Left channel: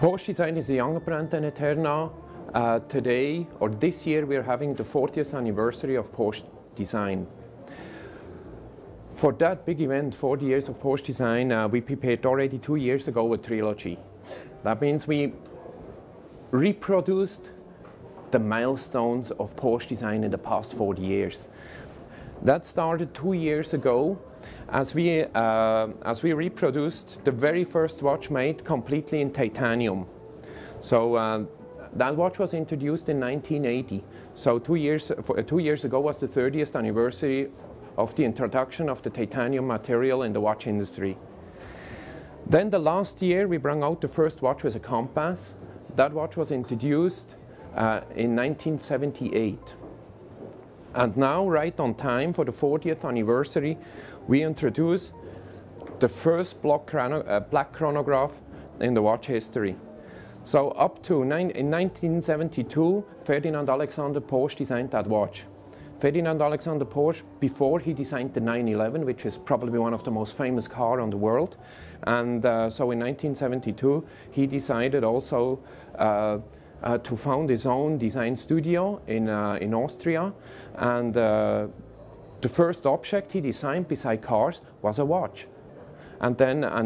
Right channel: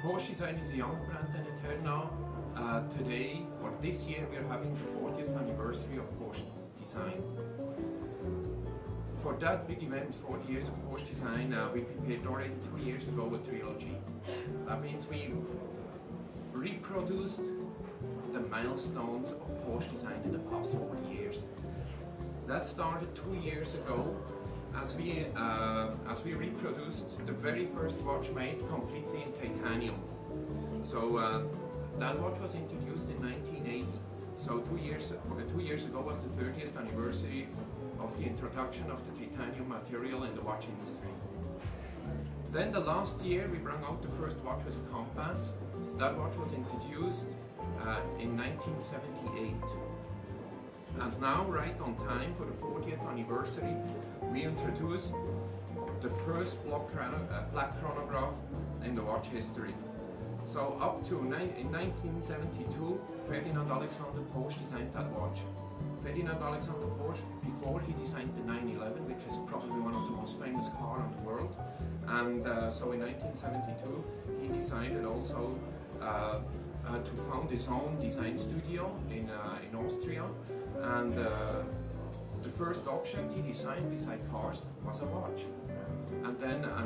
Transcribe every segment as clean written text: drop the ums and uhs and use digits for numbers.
Porsche Design is a younger brand than Eterna. Today, or this year, we're having the 40th anniversary of Porsche Design. For that big event, 40 years of Porsche Design, we prepared already 2 years ago a trilogy. That means we reproduced the milestones of Porsche Design in the past 40 years. That started 2 years ago as we reproduced the very first watch made completely in titanium. So that watch was introduced in 1980. So 2 years ago was the 30th anniversary of the introduction of the titanium material in the watch industry. Then the last year we brought out the first watch with a compass. That watch was introduced in 1978. And now, right on time for the 40th anniversary, we introduce the first black chronograph in the watch history. So up to in 1972, Ferdinand Alexander Porsche designed that watch. Ferdinand Alexander Porsche, before he designed the 911, which is probably one of the most famous cars on the world. And so in 1972, he decided also to found his own design studio in Austria. And the first object he designed beside cars was a watch. And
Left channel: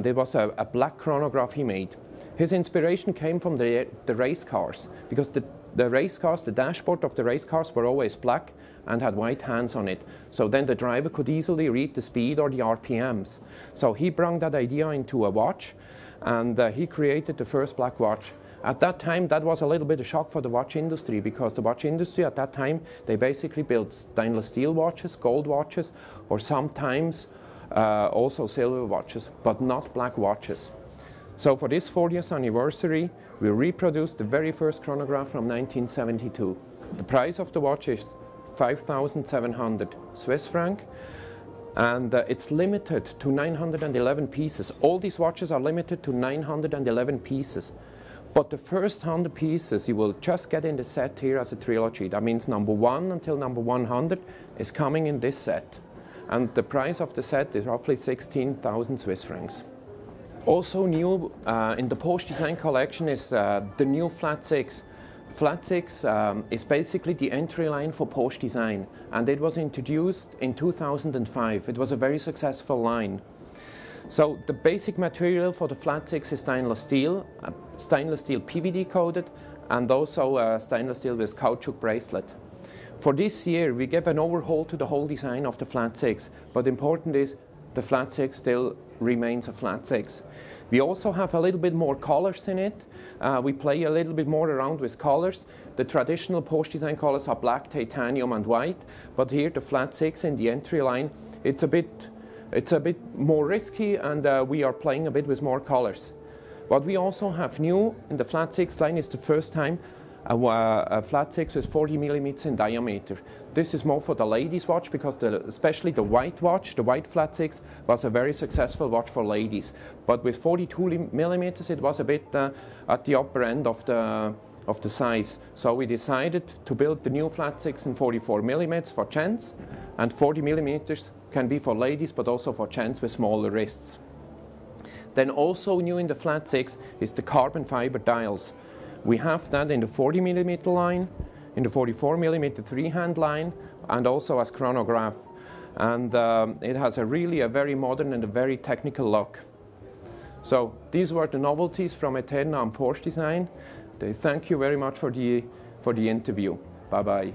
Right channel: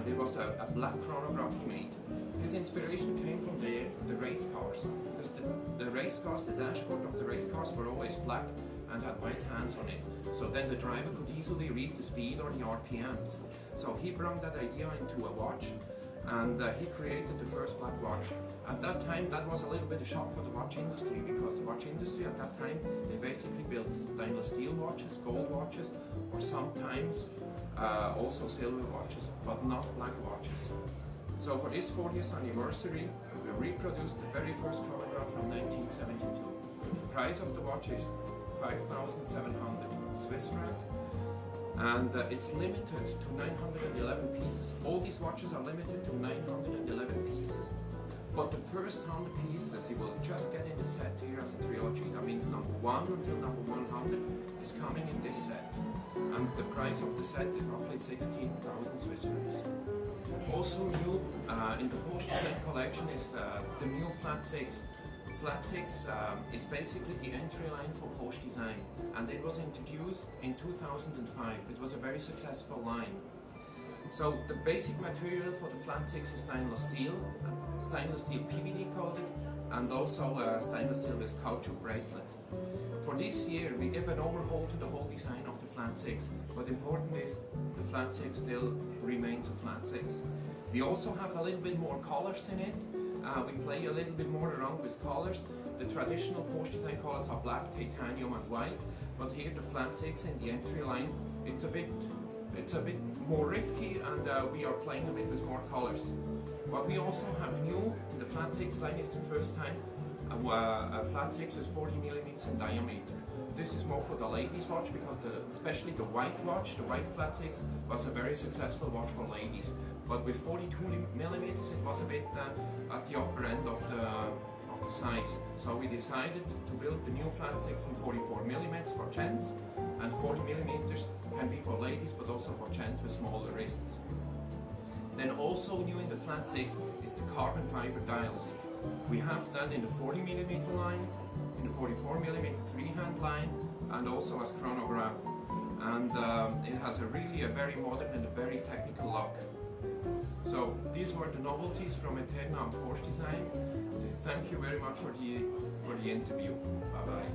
it was a black chronograph he made. His inspiration came from the race cars, because the race cars, the dashboard of the race cars were always black and had white hands on it. So then the driver could easily read the speed or the RPMs. So he brought that idea into a watch, and he created the first black watch. At that time, that was a little bit of a shock for the watch industry, because the watch industry at that time, they basically built stainless steel watches, gold watches, or sometimes also silver watches, but not black watches. So for this 40th anniversary, we reproduced the very first chronograph from 1972. The price of the watch is 5,700 Swiss franc, and it's limited to 911 pieces. All these watches are limited to 911 pieces. But the first 100 pieces you will just get in the set here as a trilogy. That means number 1 until number 100 is coming in this set. And the price of the set is roughly 16,000 Swiss francs. Also new in the Porsche Design collection is the new Flat 6. Flat 6 is basically the entry line for Porsche Design, and it was introduced in 2005. It was a very successful line. So the basic material for the Flat 6 is stainless steel PVD coated, and also stainless steel with caoutchouc bracelet. For this year we gave an overhaul to the whole design of the Flat 6, but important is the Flat 6 still remains a Flat 6. We also have a little bit more colors in it. We play a little bit more around with colors. The traditional Porsche Design colors are black, titanium and white, but here the Flat 6 in the entry line, it's a bit more risky, and we are playing a bit with more colors. What we also have new in the Flat 6 line is the first time a Flat 6 with 40 millimeters in diameter. This is more for the ladies' watch, because especially the white watch, the white Flat 6, was a very successful watch for ladies. But with 42 millimeters, it was a bit at the upper end of the size. So we decided to build the new Flat 6 in 44 millimeters for gents, and 40 millimeters can be for ladies, but also for gents with smaller wrists. Then also new in the Flat 6 is the carbon fiber dials. We have that in the 40 millimeter line, in the 44 millimeter three-hand line, and also as chronograph. And it has a very modern and a very technical look. So these were the novelties from Eterna and Porsche Design. Thank you very much for the interview. Bye bye.